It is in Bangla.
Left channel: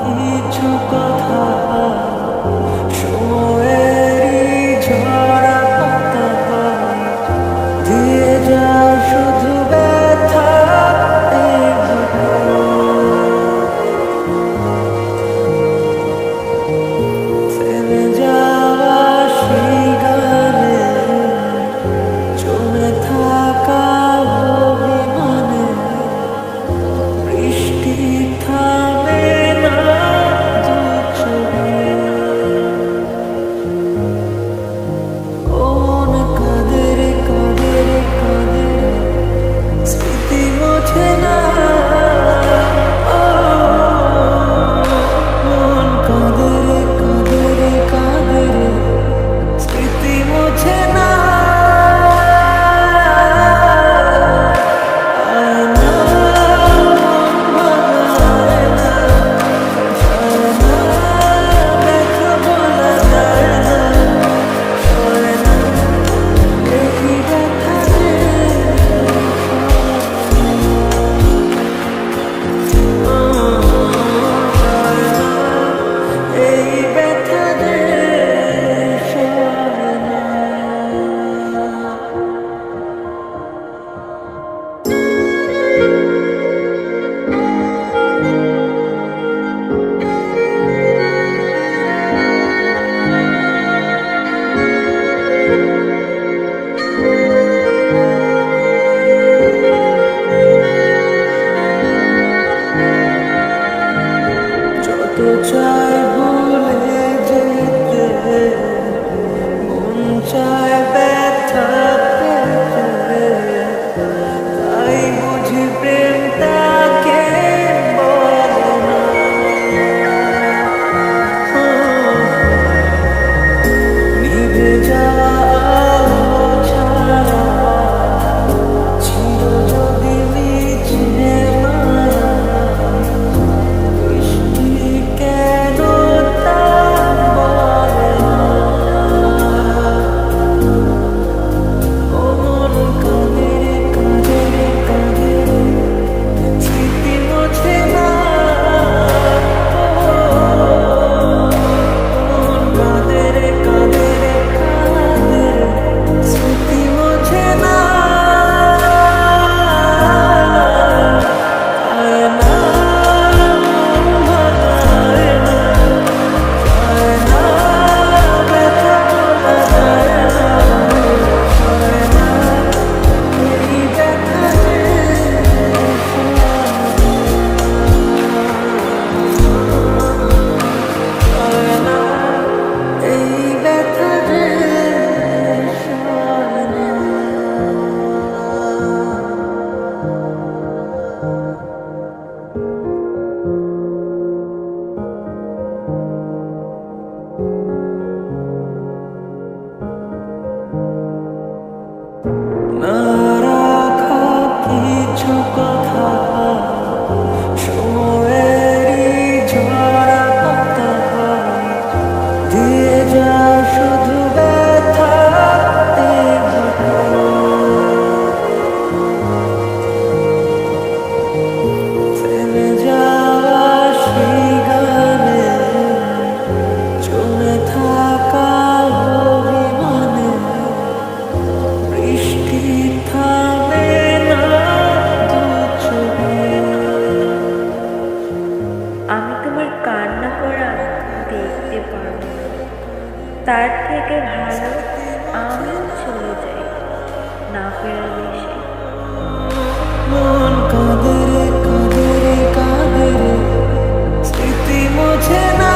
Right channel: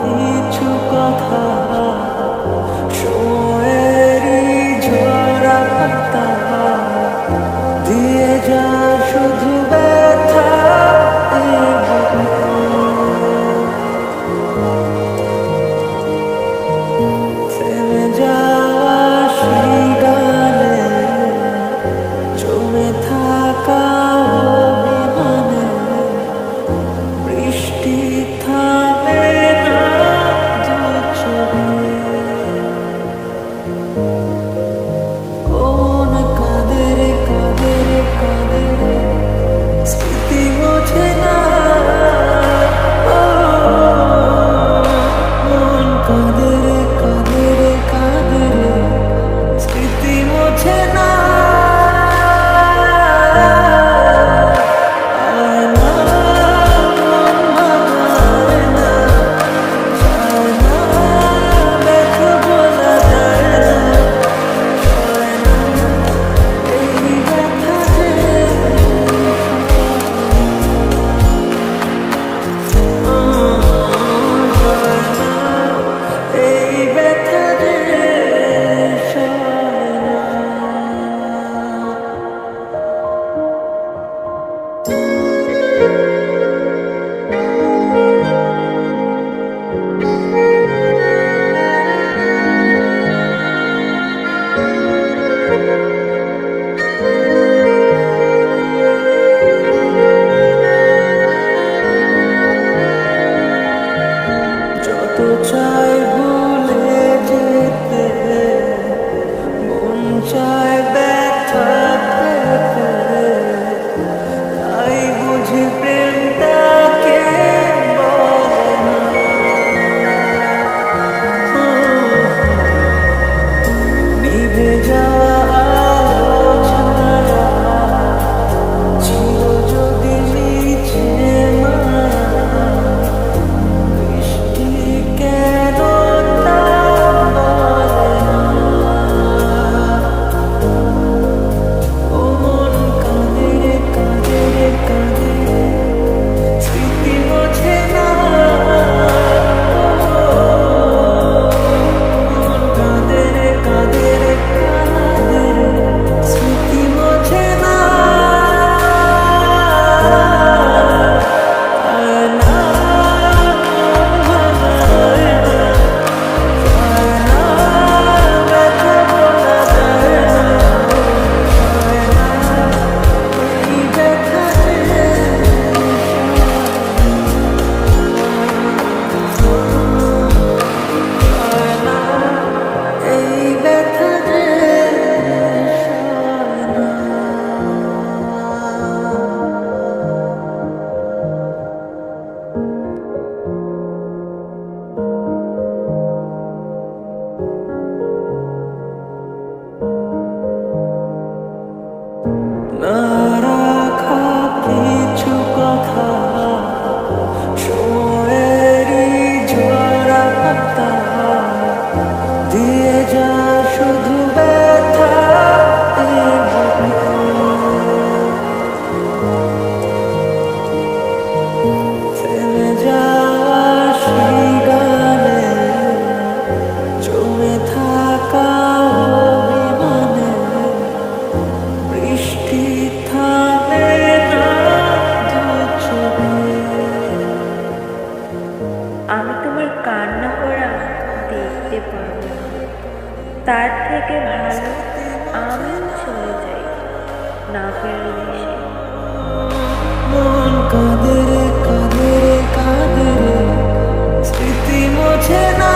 কিছু কথা সময়েরই ঝরা পাতা দিয়ে যায় শুধু ব্যথা এই বুকে। থেমে যাওয়া সেই গানে জমে থাকা অভিমানে বৃষ্টি থামে না দু চোখে। ও মন কাঁদে রে কাঁদে রে কাঁদে রে স্মৃতি মোছে না। ও মন কাঁদে রে কাঁদে রে কাঁদে রে স্মৃতি মোছে না। যত চাই ভুলে যেতে মন চায় ব্যথা পেতে, তাই বুঝি প্রেমটাকে বলে না। নিভে যাওয়া আলো ছাড়া ছিল যদি নিচে মায়া, বৃষ্টি কেন তা বলে না। ও মন কাঁদে রে কাঁদে রে কাঁদে রে স্মৃতি মোছে না। ও মন কাঁদে রে কাঁদে রে কাঁদে রে স্মৃতি মোছে না। আয় না মন ভাঙায় না, যায় না ব্যথা বলা যায় না, হয় না এই ব্যথা যে হয় না, এই ব্যথা যে সয় না। না রাখা কিছু কথা সময়েরই ঝরা পাতা দিয়ে যায় শুধু ব্যথা এই বুকে। থেমে যাওয়া সেই গানে জমে থাকা অভিমানে বৃষ্টি থামে না দু চোখে। আমি তোমার কান্না করা দেখতে পারবো না, তার থেকে ভালো আমি চলে যাই না ফেরার দেশে। মন কাঁদে রে কাঁদে রে কাঁদে রে স্মৃতি মোছে না।